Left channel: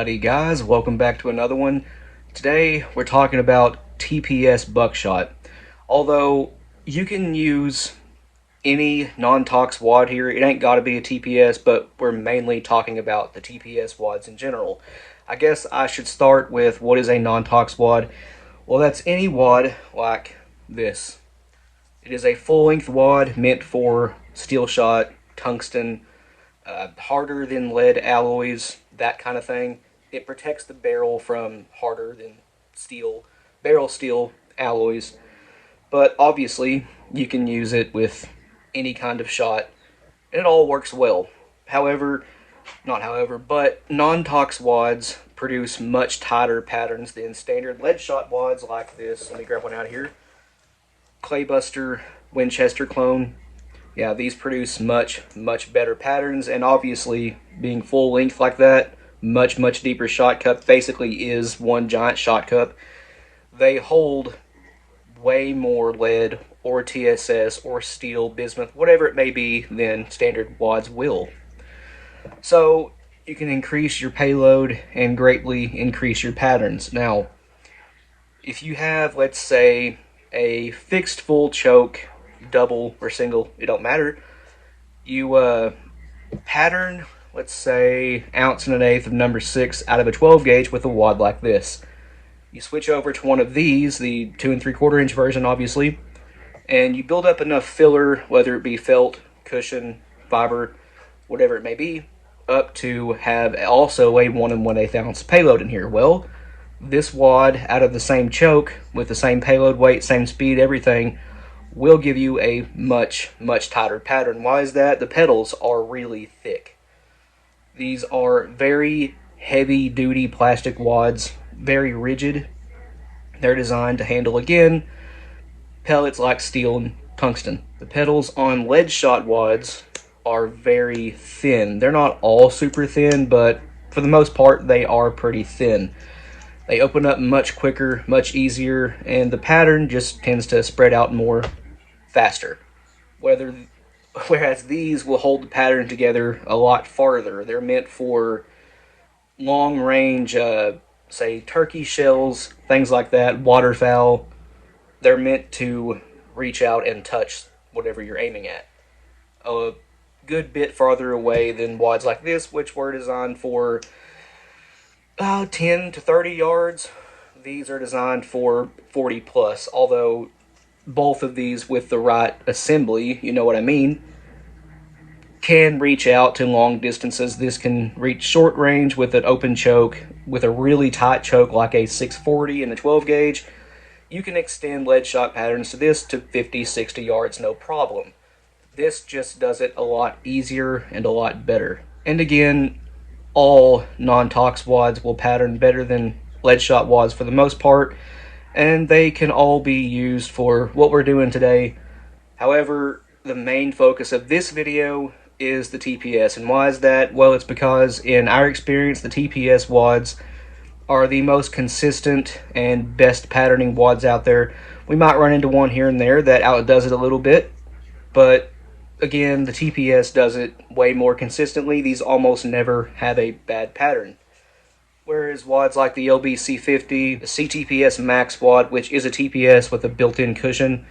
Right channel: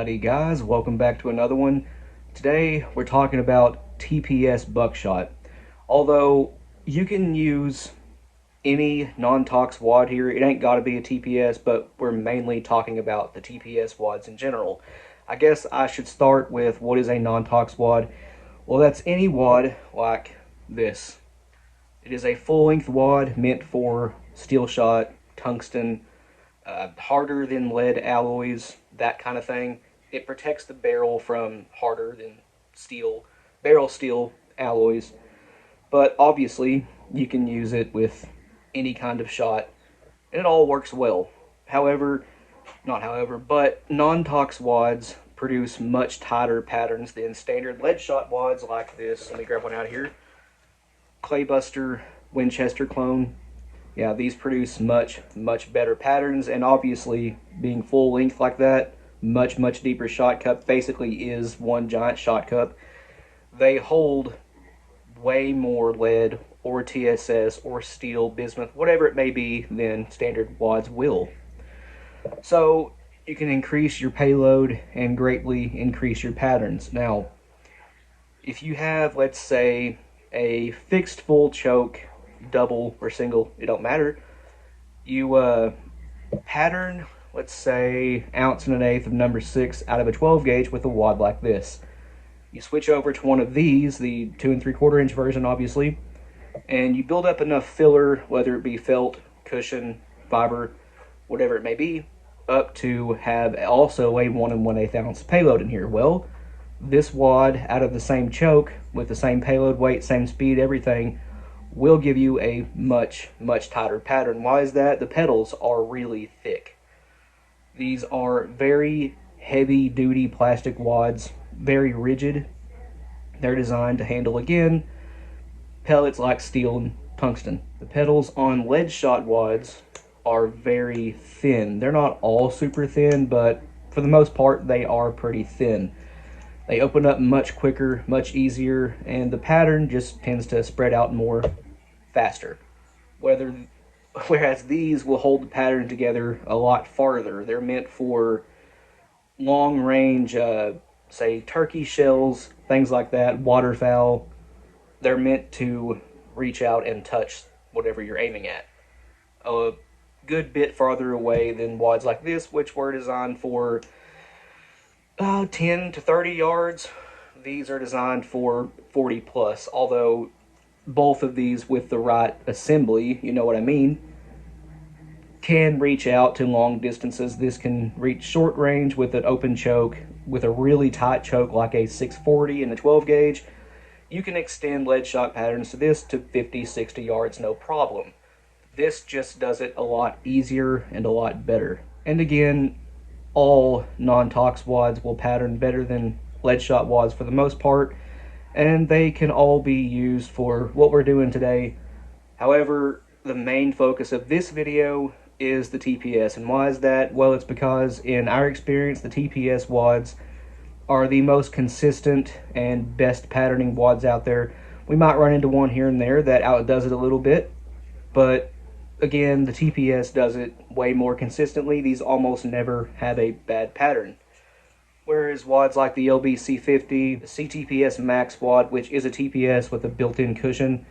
Howdy guys, welcome back to another one. Today we're talking about TPS buckshot. Although you can use any non-tox wad here, it ain't gotta be a TPS, but we're mainly talking about the TPS wads in general. I guess I should start with what is a non-tox wad. Well, that's any wad like this. It is a full-length wad meant for steel shot, tungsten, harder than lead alloys, that kind of thing. It protects the barrel from harder than steel, barrel steel alloys. But obviously, you can use it with any kind of shot, and it all works well. However, not however, but non-tox wads produce much tighter patterns than standard lead shot wads like this. Let me grab one out here. Claybuster Winchester clone. Yeah, these produce much better patterns, and obviously being full length like that, much deeper shot cup, basically is one giant shot cup. They hold way more lead or TSS or steel, bismuth, whatever it may be, than standard wads will. So you can increase your payload and greatly increase your patterns. Now, if you have, let's say, a fixed full choke, double or single, it don't matter. You pattern, let's say, 1 1/8 of number 6 out of a 12 gauge with a wad like this. You switch over to one of these, the 2 3/4 inch version, obviously, and you build up enough filler, whether it be felt, cushion, fiber, whatever it may be, up to have also a 1 1/8 ounce payload in here. Well, this wad out of the same choke with the same payload weight, same speed, everything, will give you a much tighter pattern. Why is that? The pedals are really thick. These are very heavy duty plastic wads, very rigid. They're designed to handle, again, pellets like steel and tungsten. The pedals on lead shot wads are very thin. They're not all super thin, but for the most part they are pretty thin. They open up much quicker, much easier, and the pattern just tends to spread out more faster. Whereas these will hold the pattern together a lot farther. They're meant for long range, say turkey shells, things like that, waterfowl. They're meant to reach out and touch whatever you're aiming at. A good bit farther away than wads like this, which were designed for 10 to 30 yards. These are designed for 40 plus, although both of these with the right assembly, you know what I mean, can reach out to long distances. This can reach short range with an open choke, with a really tight choke like a 640 in the 12 gauge. You can extend lead shot patterns to this to 50, 60 yards, no problem. This just does it a lot easier and a lot better. And again, all non-tox wads will pattern better than lead shot wads for the most part, and they can all be used for what we're doing today. However, the main focus of this video is the TPS. And why is that? Well, it's because in our experience, the TPS wads are the most consistent and best patterning wads out there. We might run into one here and there that outdoes it a little bit, but again, the TPS does it way more consistently. These almost never have a bad pattern. Whereas wads like the LBC50, the CTPS Max wad, which is a TPS with a built-in cushion,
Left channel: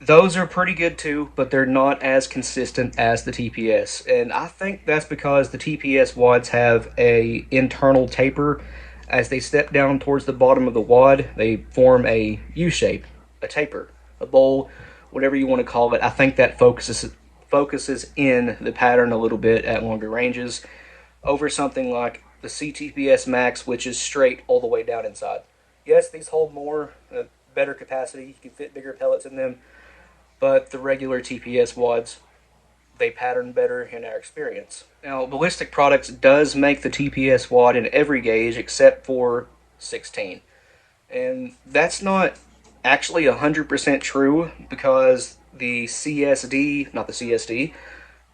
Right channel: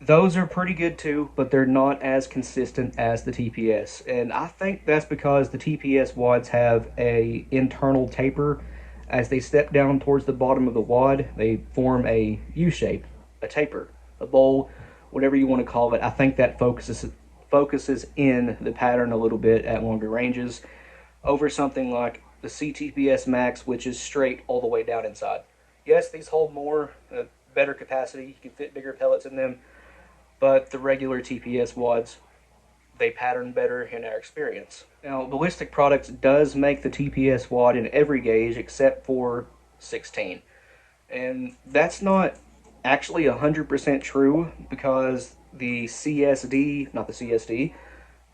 those are pretty good too, but they're not as consistent as the TPS. And I think that's because the TPS wads have a internal taper. As they step down towards the bottom of the wad, they form a U-shape, a taper, a bowl, whatever you want to call it. I think that focuses in the pattern a little bit at longer ranges over something like the CTPS Max, which is straight all the way down inside. Yes, these hold more, better capacity, you can fit bigger pellets in them, but the regular TPS wads, they pattern better in our experience. Now, Ballistic Products does make the TPS wad in every gauge except for 16. And that's not actually 100% true, because the CSD, not the CSD,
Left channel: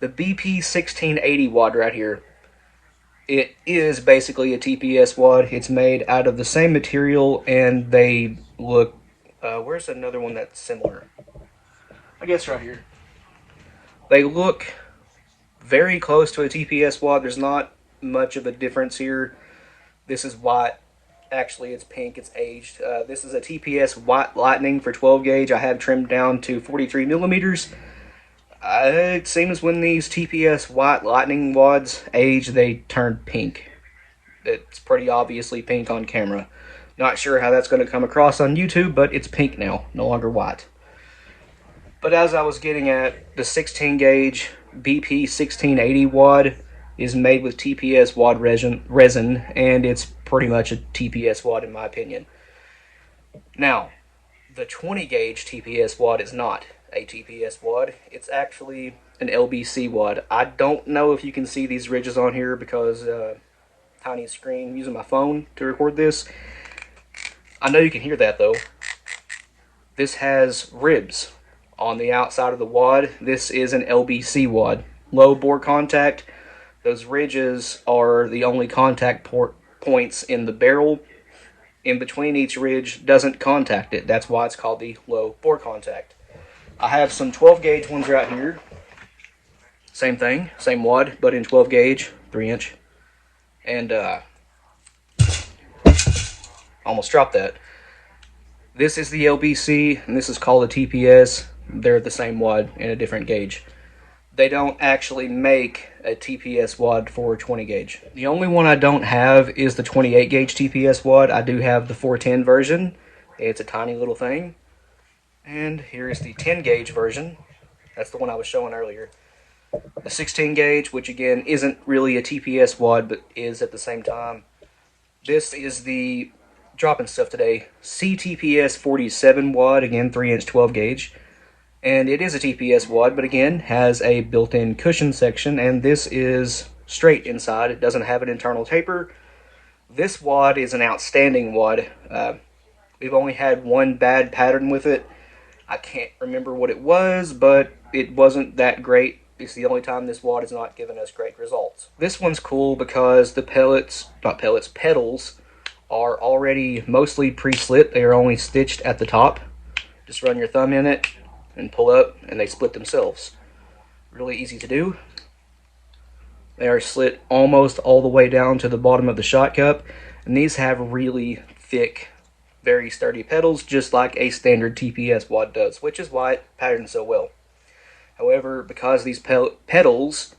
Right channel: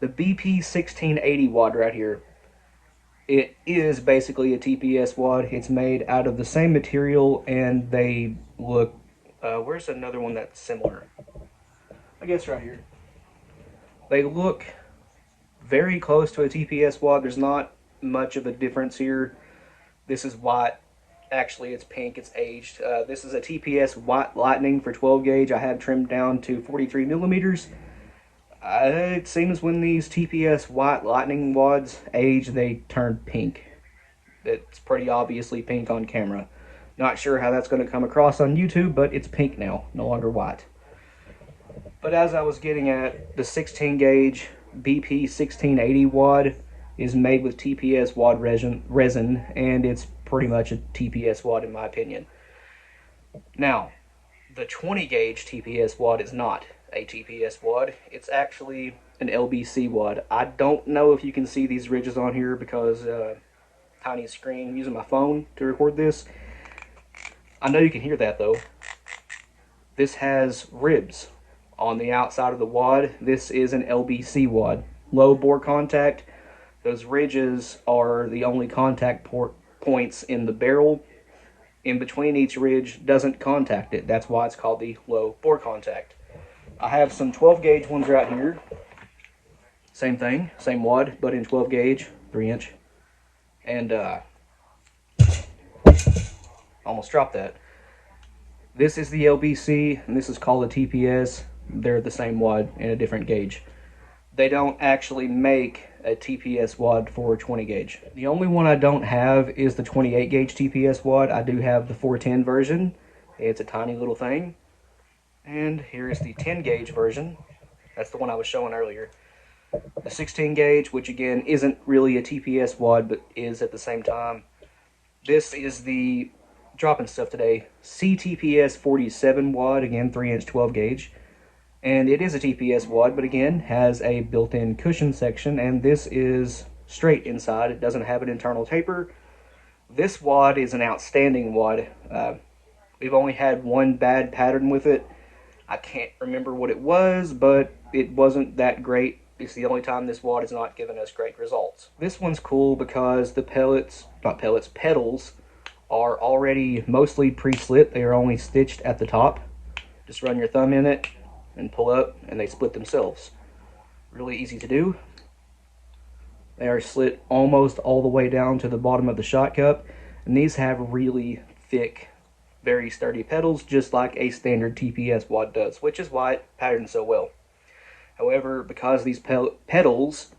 the BP 1680 wad right here, it is basically a TPS wad. It's made out of the same material, and they look, where's another one that's similar? I guess right here. They look very close to a TPS wad. There's not much of a difference here. This is white. Actually, it's pink. It's aged. This is a TPS White Lightning for 12 gauge. I have trimmed down to 43 millimeters. It seems when these TPS White Lightning wads age, they turn pink. It's pretty obviously pink on camera. Not sure how that's going to come across on YouTube, but it's pink now, no longer white. But as I was getting at, the 16 gauge BP 1680 wad is made with TPS wad resin, and it's pretty much a TPS wad in my opinion. Now, the 20 gauge TPS wad is not a TPS wad. It's actually an LBC wad. I don't know if you can see these ridges on here because tiny screen. I'm using my phone to record this. I know you can hear that though. This has ribs on the outside of the wad. This is an LBC wad. Low bore contact. Those ridges are the only contact points in the barrel. In between each ridge doesn't contact it. That's why it's called the low bore contact. I have some 12 gauge ones right here. Same thing, same wad, but in 12 gauge, 3-inch. And almost dropped that. This is the LBC, and this is called a TPS. They're the same wad in a different gauge. They don't actually make a TPS wad for 20 gauge. The only one I don't have is the 28 gauge TPS wad. I do have the 410 version. It's a tiny little thing. And here is the 10 gauge version. That's the one I was showing earlier. The 16 gauge, which again isn't really a TPS wad, but is at the same time. This is the, dropping stuff today, CTPS 47 wad, again 3-inch 12 gauge. And it is a TPS wad, but again has a built-in cushion section, and this is straight inside. It doesn't have an internal taper. This wad is an outstanding wad. We've only had one bad pattern with it. I can't remember what it was, but it wasn't that great. It's the only time this wad has not given us great results. This one's cool because the pedals are already mostly pre-slit. They are only stitched at the top. Just run your thumb in it and pull up, and they split themselves. Really easy to do. They are slit almost all the way down to the bottom of the shot cup, and these have really thick, very sturdy pedals, just like a standard TPS wad does, which is why it patterns so well. However, because these pedals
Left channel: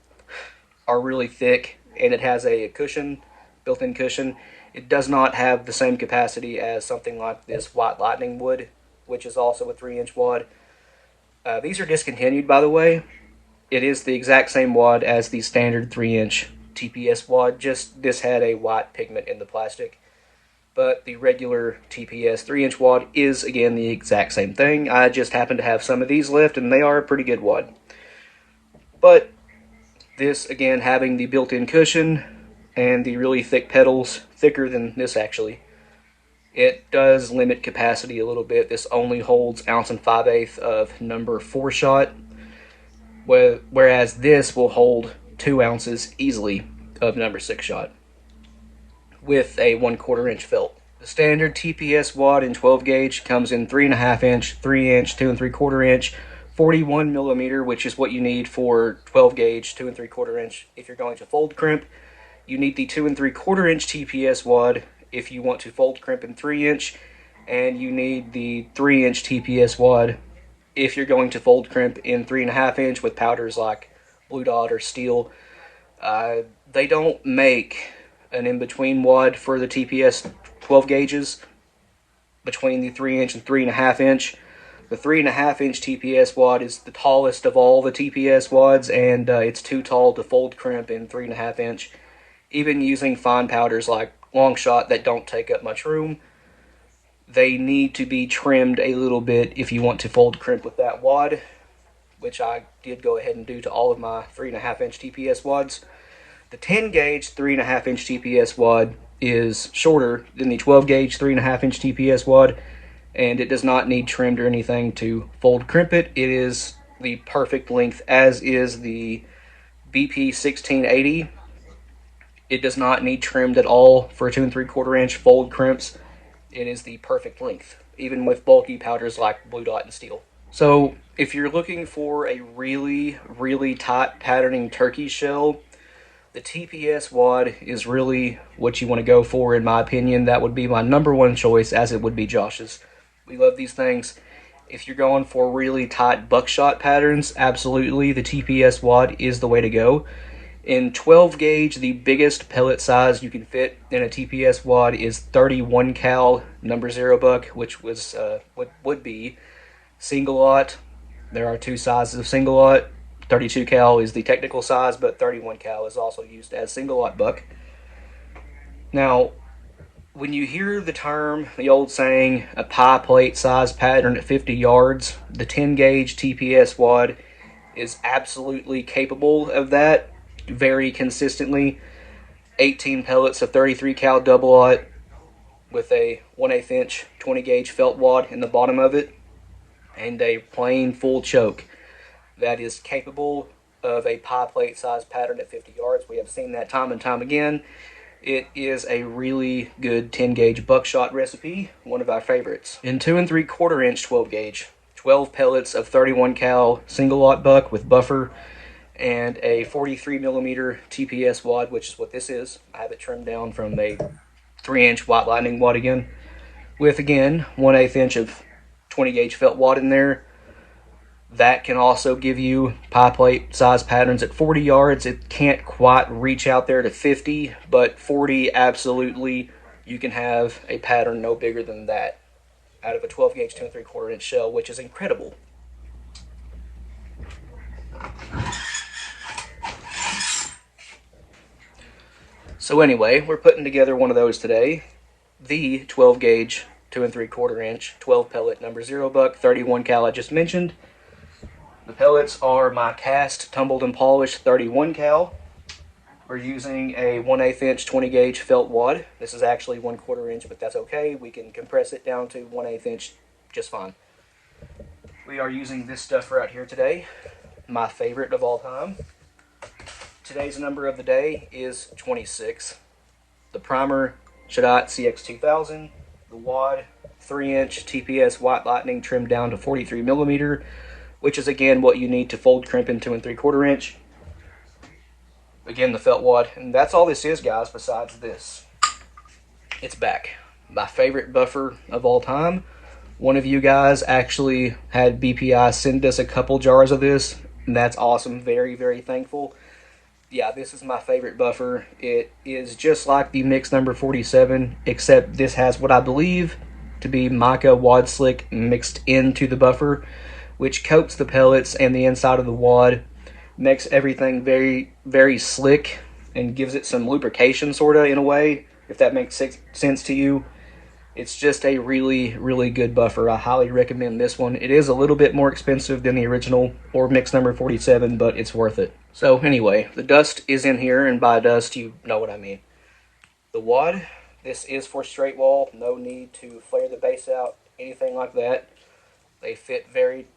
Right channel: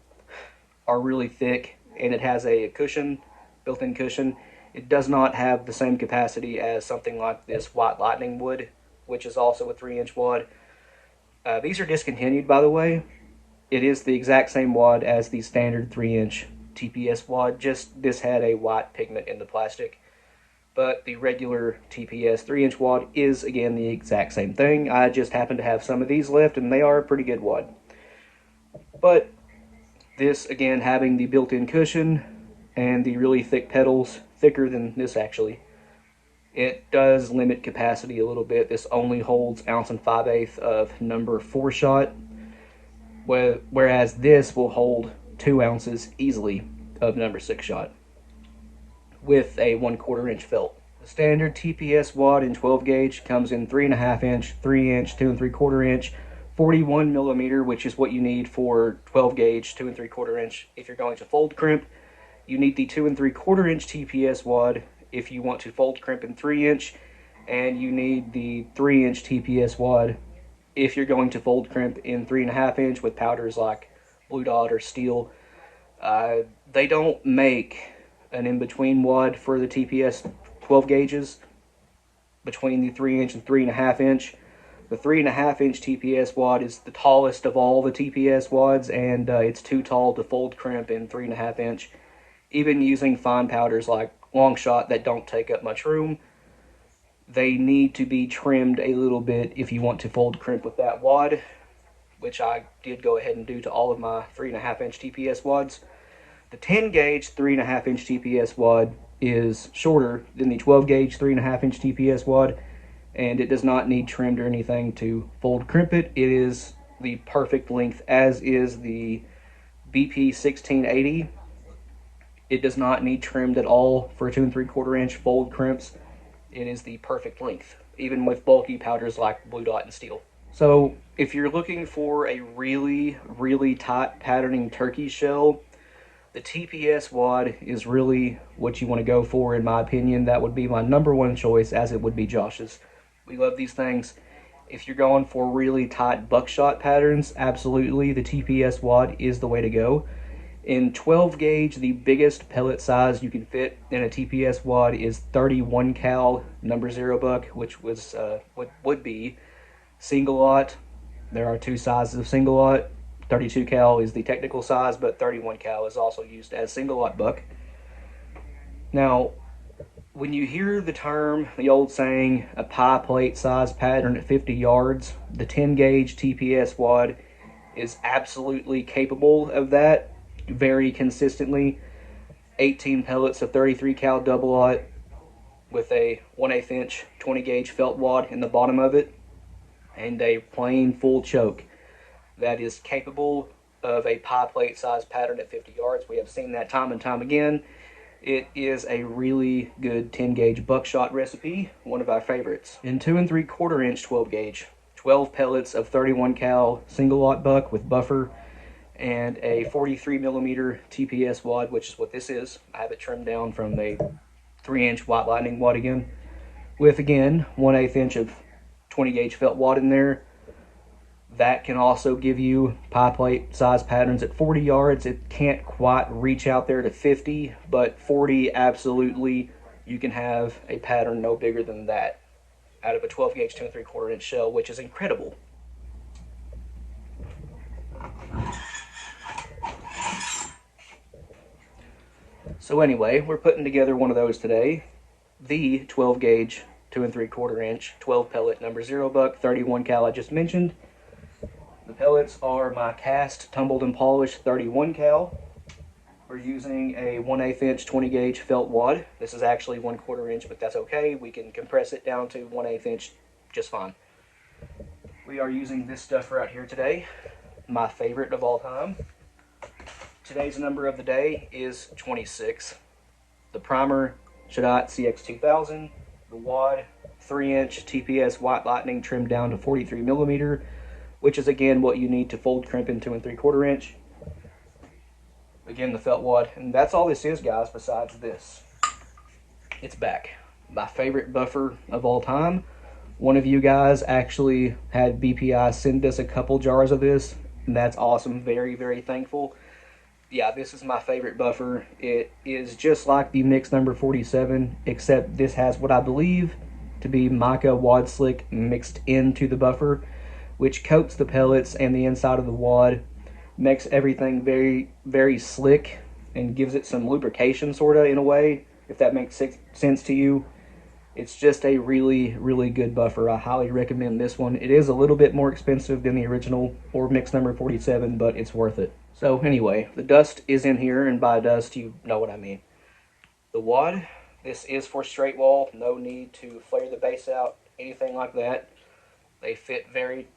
are really thick and it has a cushion, built-in cushion, it does not have the same capacity as something like this White Lightning would, which is also a 3-inch wad. These are discontinued, by the way. It is the exact same wad as the standard 3-inch TPS wad, just this had a white pigment in the plastic. But the regular TPS 3-inch wad is, again, the exact same thing. I just happen to have some of these left, and they are a pretty good wad. But this, again, having the built-in cushion and the really thick pedals, thicker than this actually, it does limit capacity a little bit. This only holds 1 5/8 of number 4 shot, whereas this will hold 2 ounces easily of number 6 shot with a 1/4 inch felt. The standard TPS wad in 12 gauge comes in 3.5 inch, 3-inch, 2 3/4 inch, 41 millimeter, which is what you need for 12 gauge, 2 3/4 inch. If you're going to fold crimp, you need the 2 3/4 inch TPS wad if you want to fold crimp in 3-inch, and you need the 3-inch TPS wad if you're going to fold crimp in 3.5 inch with powders like Blue Dot or Steel. They don't make an in-between wad for the TPS 12 gauges between the 3-inch and 3.5 inch. The 3.5 inch TPS wad is the tallest of all the TPS wads, and it's too tall to fold crimp in 3.5 inch. Even using fine powders like Buckshot that don't take up much room, they need to be trimmed a little bit if you want to fold crimp with that wad, which I did go ahead and do to all of my 3.5 inch TPS wads. The 10 gauge 3.5 inch TPS wad is shorter than the 12 gauge 3.5 inch TPS wad, and it does not need trimmed or anything to fold crimp it. It is the perfect length, as is the BP 1680. It does not need trimmed at all for 2 3/4 inch fold crimps. It is the perfect length, even with bulky powders like Blue Dot and Steel. So if you're looking for a really, really tight patterning turkey shell, the TPS wad is really what you want to go for, in my opinion. That would be my #1 choice, as it would be Josh's. We love these things. If you're going for really tight buckshot patterns, absolutely, the TPS wad is the way to go. In 12 gauge, the biggest pellet size you can fit in a TPS wad is 31 cal #0 buck, which was would be single aught. There are two sizes of single aught. 32 cal is the technical size, but 31 cal is also used as single aught buck. Now, when you hear the term, the old saying, a pie plate size pattern at 50 yards, the 10 gauge TPS wad is absolutely capable of that very consistently. 18 pellets of 33 cal double aught with a 1/8 inch 20 gauge felt wad in the bottom of it, and a plain full choke that is capable of a pie plate size pattern at 50 yards. We have seen that time and time again. It is a really good 10 gauge buckshot recipe, one of our favorites. In 2 3/4 inch 12 gauge, 12 pellets of 31 cal single aught buck with buffer, and a 43 millimeter TPS wad, which is what this is. I have it trimmed down from a 3 inch White Lightning wad again, with again 1/8 inch of 20 gauge felt wad in there. That can also give you pie plate size patterns at 40 yards. It can't quite reach out there to 50, but 40 absolutely, you can have a pattern no bigger than that out of a 12 gauge 2 3/4 inch shell, which is incredible. So anyway, we're putting together one of those today. The 12 gauge 2 3/4 inch 12 pellet #0 buck 31 cal I just mentioned. The pellets are my cast, tumbled and polished 31 cal. We're using a 1/8 inch 20 gauge felt wad. This is actually 1/4 inch, but that's okay. We can compress it down to 1/8 inch just fine. We are using this stuff right here today, my favorite of all time. Today's number of the day is 26. The primer, Shaddai CX2000. The wad, 3 inch TPS White Lightning trimmed down to 43 millimeter, which is again what you need to fold crimp in 2 3/4 inch. Again, the felt wad, and that's all this is, guys, besides this. It's back. My favorite buffer of all time. One of you guys actually had BPI send us a couple jars of this, and that's awesome. Very, very thankful. Yeah, this is my favorite buffer. It is just like the mix number 47, except this has what I believe to be mica wad slick mixed into the buffer, which coats the pellets and the inside of the wad, makes everything very, very slick, and gives it some lubrication, sort of, in a way, if that makes sense to you. It's just a really, really good buffer. I highly recommend this one. It is a little bit more expensive than the original, or mix number 47, but it's worth it. So anyway, the dust is in here, and by dust, you know what I mean. The wad, this is for straight wall. No need to flare the base out, anything like that. They fit very,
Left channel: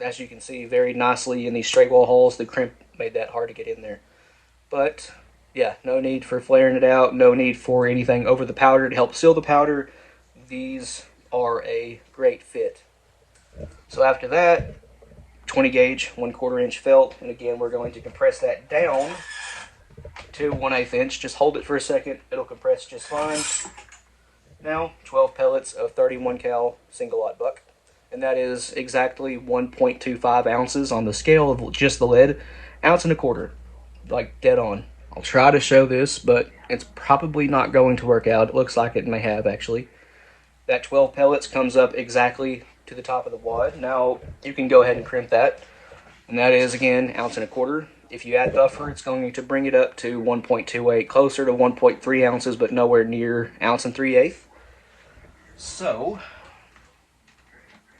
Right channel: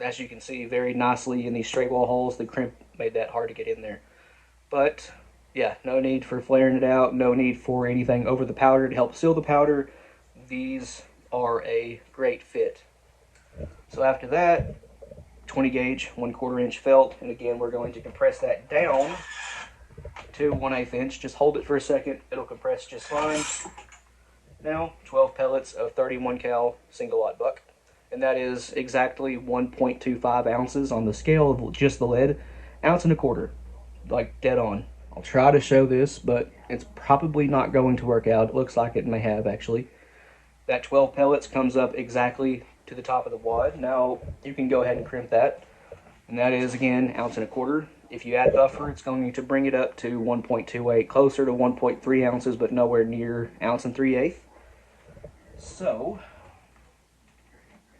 as you can see, very nicely in these straight wall holes. The crimp made that hard to get in there. But yeah, no need for flaring it out. No need for anything over the powder to help seal the powder. These are a great fit. So after that, 20 gauge 1/4 inch felt. And again, we're going to compress that down to 1/8 inch. Just hold it for a second. It'll compress just fine. Now, 12 pellets of 31 cal single aught buck. And that is exactly 1.25 ounces on the scale of just the lead. 1.25 ounces, like dead on. I'll try to show this, but it's probably not going to work out. It looks like it may have, actually. That 12 pellets comes up exactly to the top of the wad. Now, you can go ahead and crimp that. And that is, again, 1.25 ounces. If you add buffer, it's going to bring it up to 1.28, closer to 1.3 ounces, but nowhere near 1 3/8 ounces. So,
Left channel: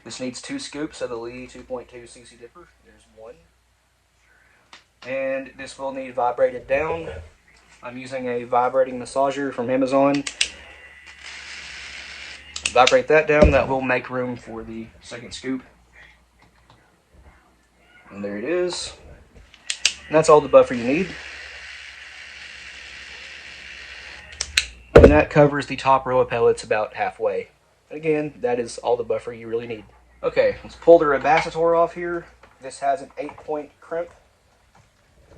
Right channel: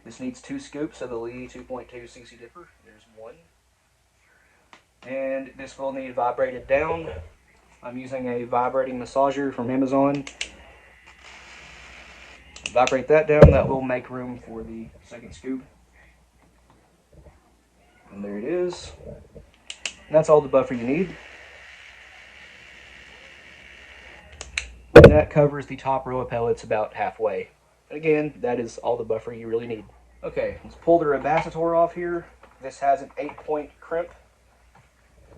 this needs 2 scoops of the Lee 2.2 CC dipper. There's one. And this will need vibrated down. I'm using a vibrating massager from Amazon. Vibrate that down. That will make room for the second scoop. And there it is. And that's all the buffer you need. And that covers the top row of pellets about halfway. Again, that is all the buffer you really need. Okay, let's pull the capacitor off here. This has an 8-point crimp.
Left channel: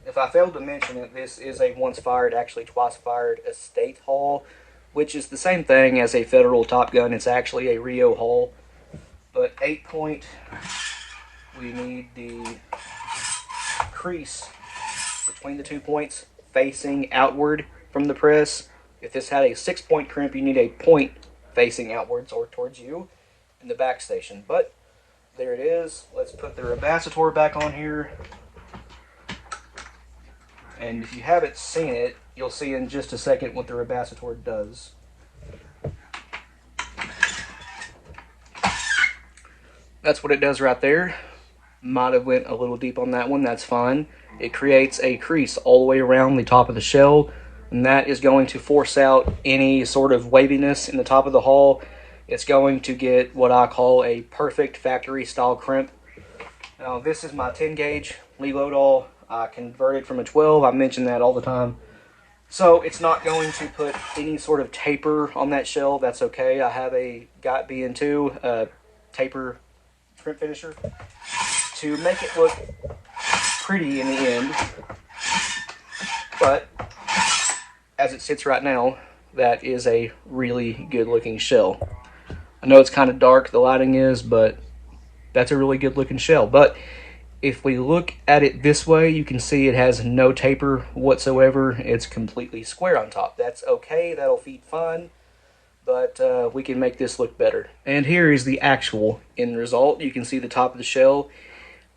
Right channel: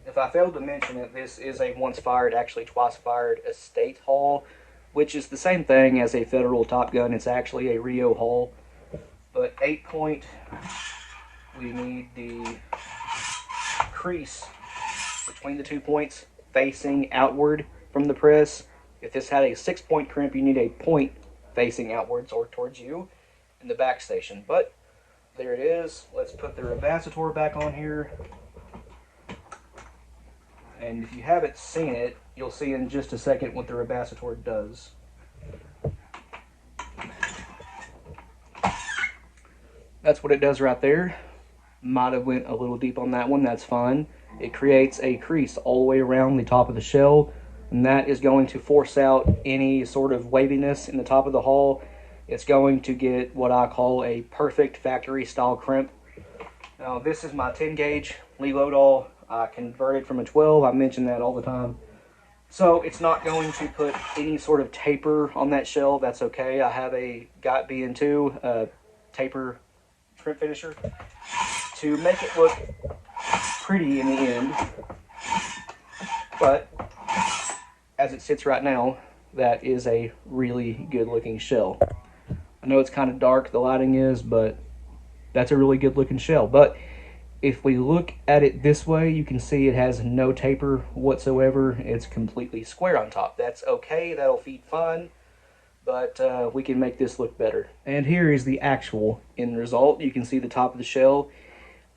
if I failed to mention it, this is a once fired, actually twice fired estate hull, which is the same thing as a federal Top Gun. It's actually a Rio hull. But 8-point, we need the crease between the 2 points facing outward from the press. If this had a 6-point crimp, you need a point facing outwards or towards you in the back station. But there it is. Let's put the rebacitor back on here. And if you haven't seen it, you'll see in just a second what the rebacitor does. That's what it does right there. Might have went a little deep on that one, that's fine. It creates a crease all the way around the top of the shell, and that is going to force out any sort of waviness in the top of the hull. It's going to get what I call a perfect factory style crimp. Now this is my 10 gauge Lee Lodahl. I converted from a 12, I mention that all the time. So it's not going to put any sort of taper on that shell, that's okay. I have a GOT BN2 taper crimp finisher to make it look pretty in the end. But as it sits right now, that is a really good looking shell. I know it's kind of dark, the lighting is, but that's a really good looking shell. But if we look at it this way, you can see it has no taper whatsoever. It's completely square on top. That's okay, that'll feed fine, but we can make this look better. And here is the actual end result. You can see the top of the shell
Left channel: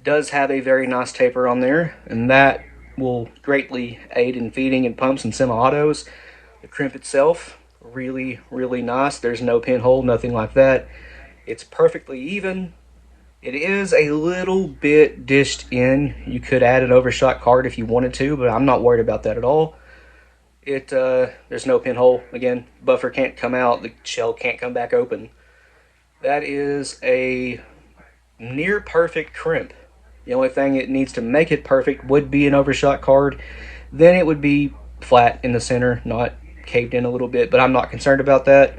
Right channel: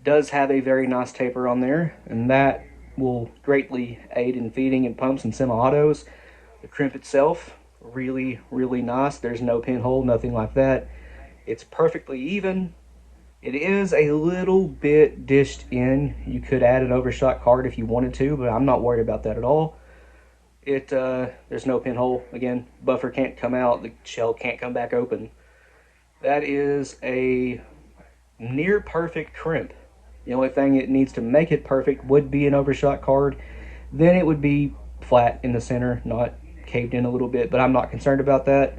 does have a very nice taper on there, and that will greatly aid in feeding in pumps and semi-autos. The crimp itself, really, really nice. There's no pinhole, nothing like that. It's perfectly even. It is a little bit dished in. You could add an overshot card if you wanted to, but I'm not worried about that at all. There's no pinhole. Again, buffer can't come out, the shell can't come back open. That is a near perfect crimp. The only thing it needs to make it perfect would be an overshot card. Then it would be flat in the center, not caved in a little bit, but I'm not concerned about that.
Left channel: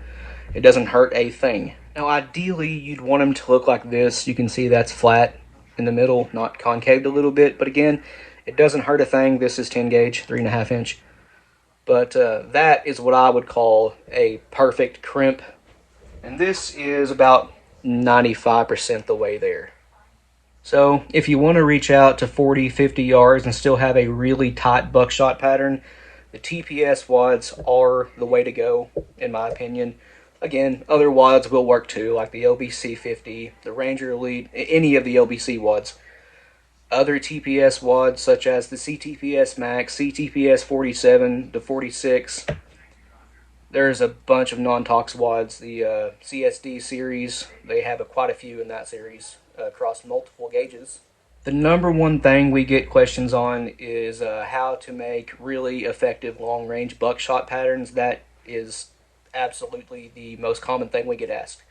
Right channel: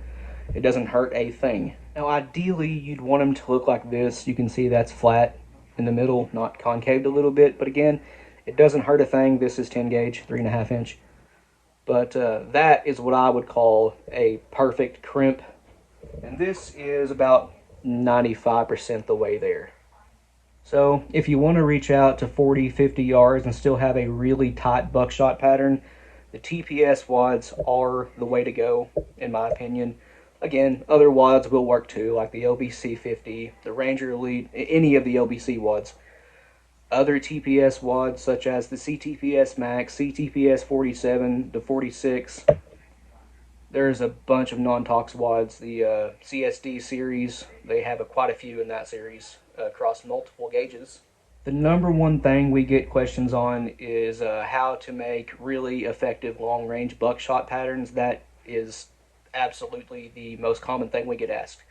It doesn't hurt a thing. Now ideally you'd want them to look like this. You can see that's flat in the middle, not concaved a little bit, but again, it doesn't hurt a thing. This is 10 gauge, 3.5 inch. But that is what I would call a perfect crimp. And this is about 95% the way there. So if you want to reach out to 40, 50 yards and still have a really tight buckshot pattern, the TPS wads are the way to go, in my opinion. Again, other wads will work too, like the LBC 50, the Ranger Elite, any of the LBC wads. Other TPS wads, such as the CTPS Max, CTPS 47 to 46. There's a bunch of non-tox wads. The CSD series, they have quite a few in that series across multiple gauges. The number one thing we get questions on is how to make really effective long-range buckshot patterns. That is absolutely the most common thing we get asked.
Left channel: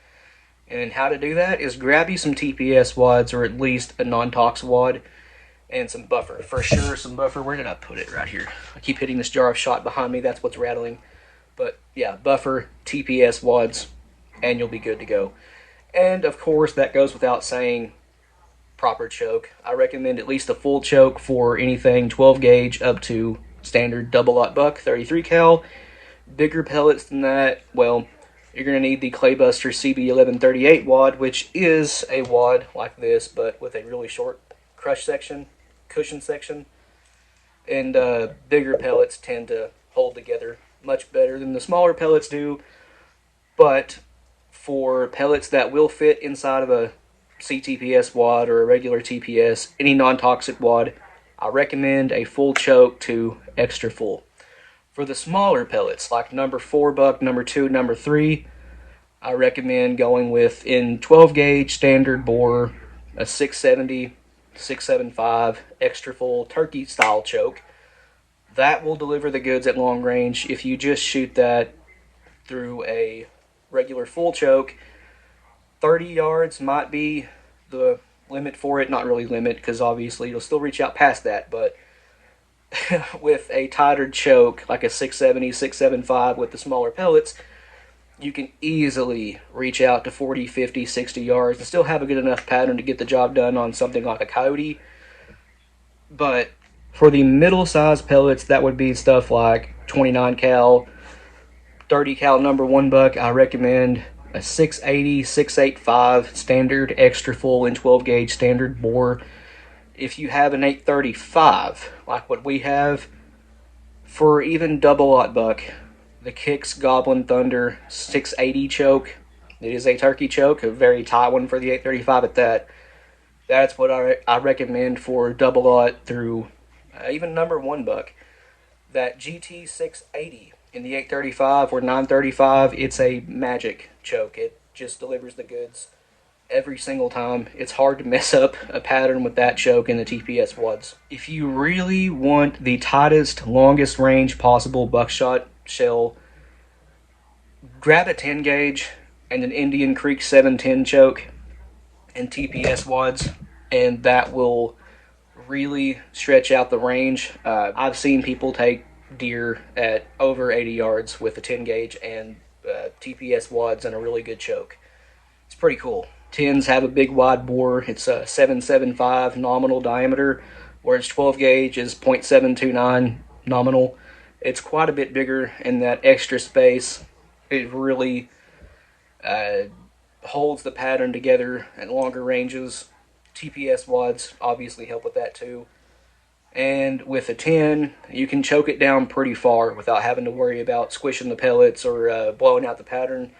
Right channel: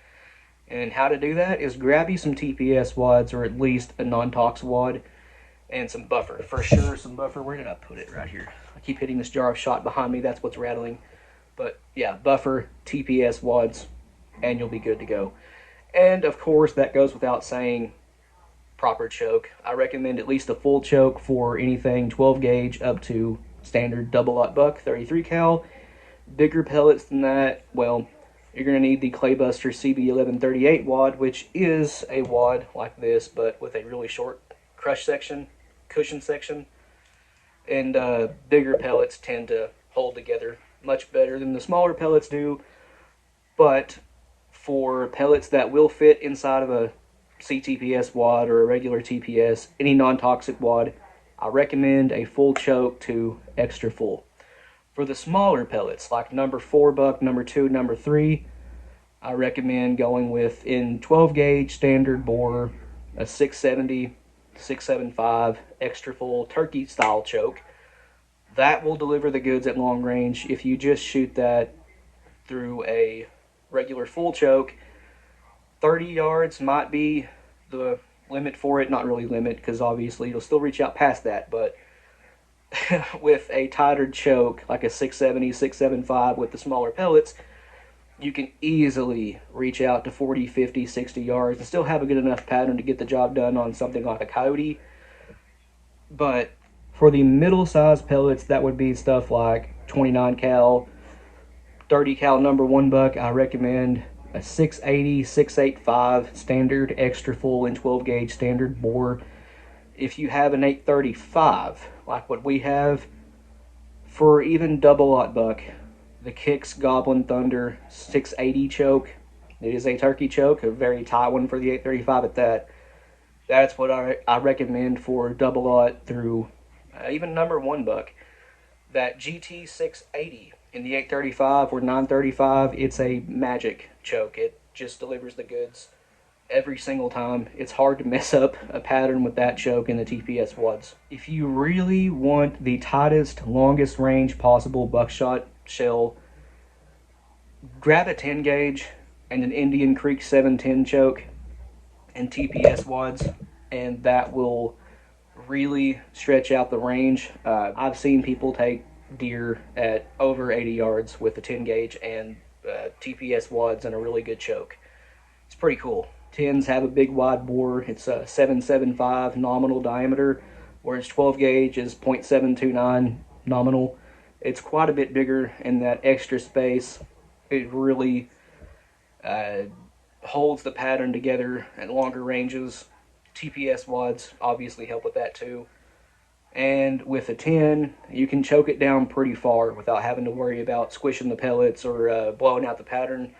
And how to do that is grab you some TPS wads, or at least a non-tox wad, and some buffer. For sure, some buffer. Where did I put it? Right here. I keep hitting this jar of shot behind me. That's what's rattling. But yeah, buffer, TPS wads, and you'll be good to go. And of course, that goes without saying, proper choke. I recommend at least a full choke for anything 12 gauge up to standard double-aught buck, 33 cal. Bigger pellets than that, well, you're going to need the Claybuster CB1138 wad, which is a wad like this, but with a really short crush section, cushion section. And bigger pellets tend to hold together much better than the smaller pellets do. But for pellets that will fit inside of a CTPS wad or a regular TPS, any non-toxic wad, I recommend a full choke to extra full. For the smaller pellets, like number 4 buck, number 2, number 3, I recommend going with, in 12 gauge standard bore, a 670, 675 extra full turkey style choke. That will deliver the goods at long range. If you just shoot that through a regular full choke, 30 yards might be the limit for it. Not really limit, because obviously you'll still reach out past that, but with a tighter choke, like a 670, 675 with the smaller pellets, you can easily reach out to 40, 50, 60 yards and still have a good enough pattern to get the job done on something like a coyote. But For the middle size pellets, that would be stuff like 29 cal, 30 cal number one buck. I recommend a 680, 685 standard extra full in 12 gauge standard bore. If you have an 835 like what we have, for even double aught buck, the Kicks Goblin Thunder 680 choke, it is a turkey choke, a very tight one for the 835 at that. That's what I recommend for double aught through even number one buck. That GT 680 in the 835 or 935, it's a magic choke. It just delivers the goods every single time. It's hard to mess up a pattern with that choke in the TPS wads. If you really want the tightest, longest range possible buckshot shell, grab a 10 gauge and an Indian Creek 710 choke and TPS wads, and that will really stretch out the range. I've seen people take deer at over 80 yards with a 10 gauge and TPS wads and a really good choke. It's pretty cool. 10s have a big wide bore. It's a 775 nominal diameter, whereas 12 gauge is 0.729 nominal. It's quite a bit bigger, and that extra space, it really holds the pattern together at longer ranges. TPS wads obviously help with that too. And with a 10, you can choke it down pretty far without having to worry about squishing the pellets or blowing out the pattern.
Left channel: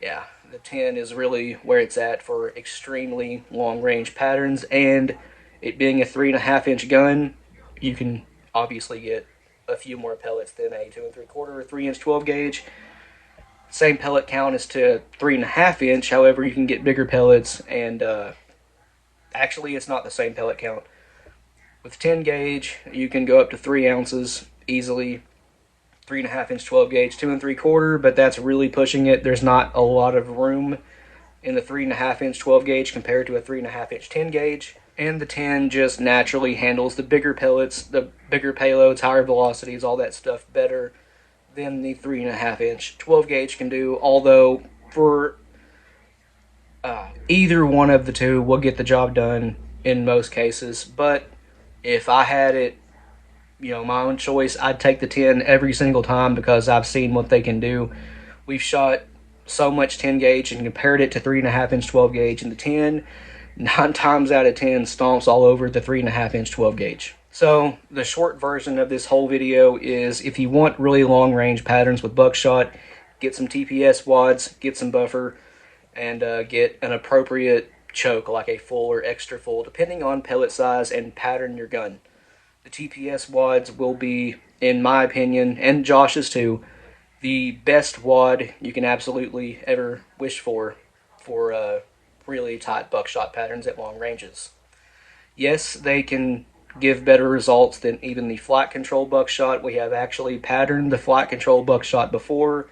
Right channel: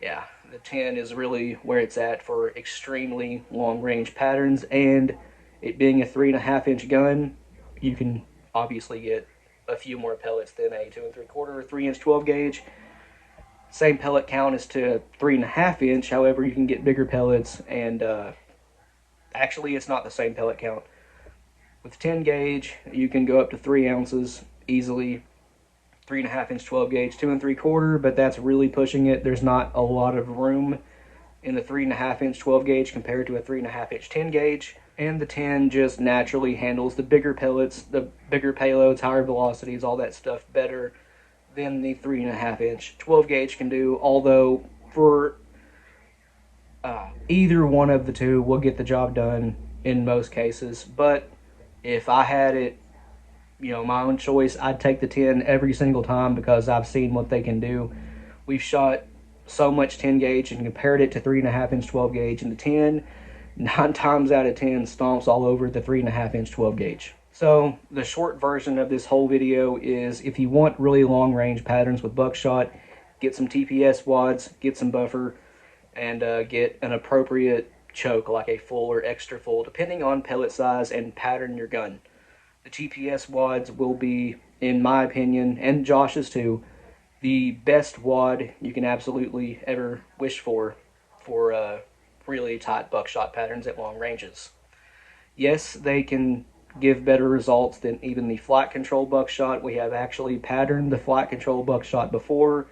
Yeah, the 10 is really where it's at for extremely long range patterns, and it being a 3.5 inch gun, you can obviously get a few more pellets than a 2 3/4 or 3 inch 12 gauge. Same pellet count as to 3.5 inch, however, you can get bigger pellets, and actually it's not the same pellet count. With 10 gauge, you can go up to 3 ounces easily. 3.5 inch 12 gauge, 2 3/4, but that's really pushing it. There's not a lot of room in the 3.5 inch 12 gauge compared to a 3.5 inch 10 gauge. And the 10 just naturally handles the bigger pellets, the bigger payloads, higher velocities, all that stuff better than the 3.5 inch 12 gauge can do. Although for either one of the two will get the job done in most cases. But if I had it, my own choice, I'd take the 10 every single time because I've seen what they can do. We've shot so much 10 gauge and compared it to 3.5 inch 12 gauge, and the 10, 9 times out of 10, stomps all over the 3.5 inch 12 gauge. So the short version of this whole video is, if you want really long range patterns with buckshot, get some TPS wads, get some buffer, and get an appropriate choke, like a full or extra full, depending on pellet size and pattern your gun. The TPS wads will be, in my opinion, and Josh's too, the best wad you can absolutely ever wish for really tight buckshot patterns at long ranges. Yes, they can give better results than even the flight control buckshot. We have actually patterned the flight control buckshot before.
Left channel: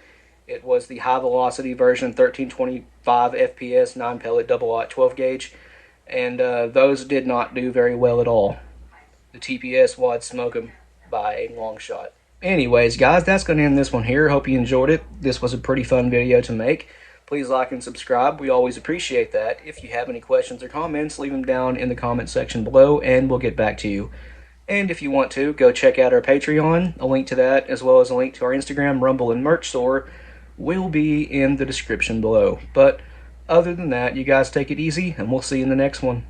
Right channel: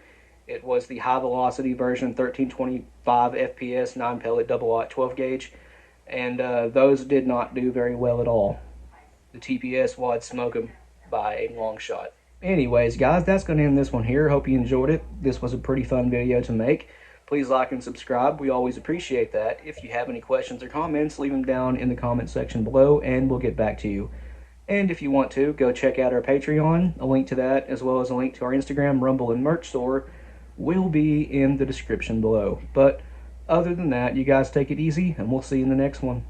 It was the high velocity version, 1325 FPS, 9 pellet double aught 12 gauge, and those did not do very well at all. The TPS wads smoke them by a long shot. Anyways, guys, that's going to end this one here. Hope you enjoyed it. This was a pretty fun video to make. Please like and subscribe. We always appreciate that. If you have any questions or comments, leave them down in the comment section below, and we'll get back to you. And if you want to, go check out our Patreon. A link to that, as well as a link to our Instagram, Rumble, and merch store, will be in the description below. But other than that, you guys take it easy, and we'll see you in the next one.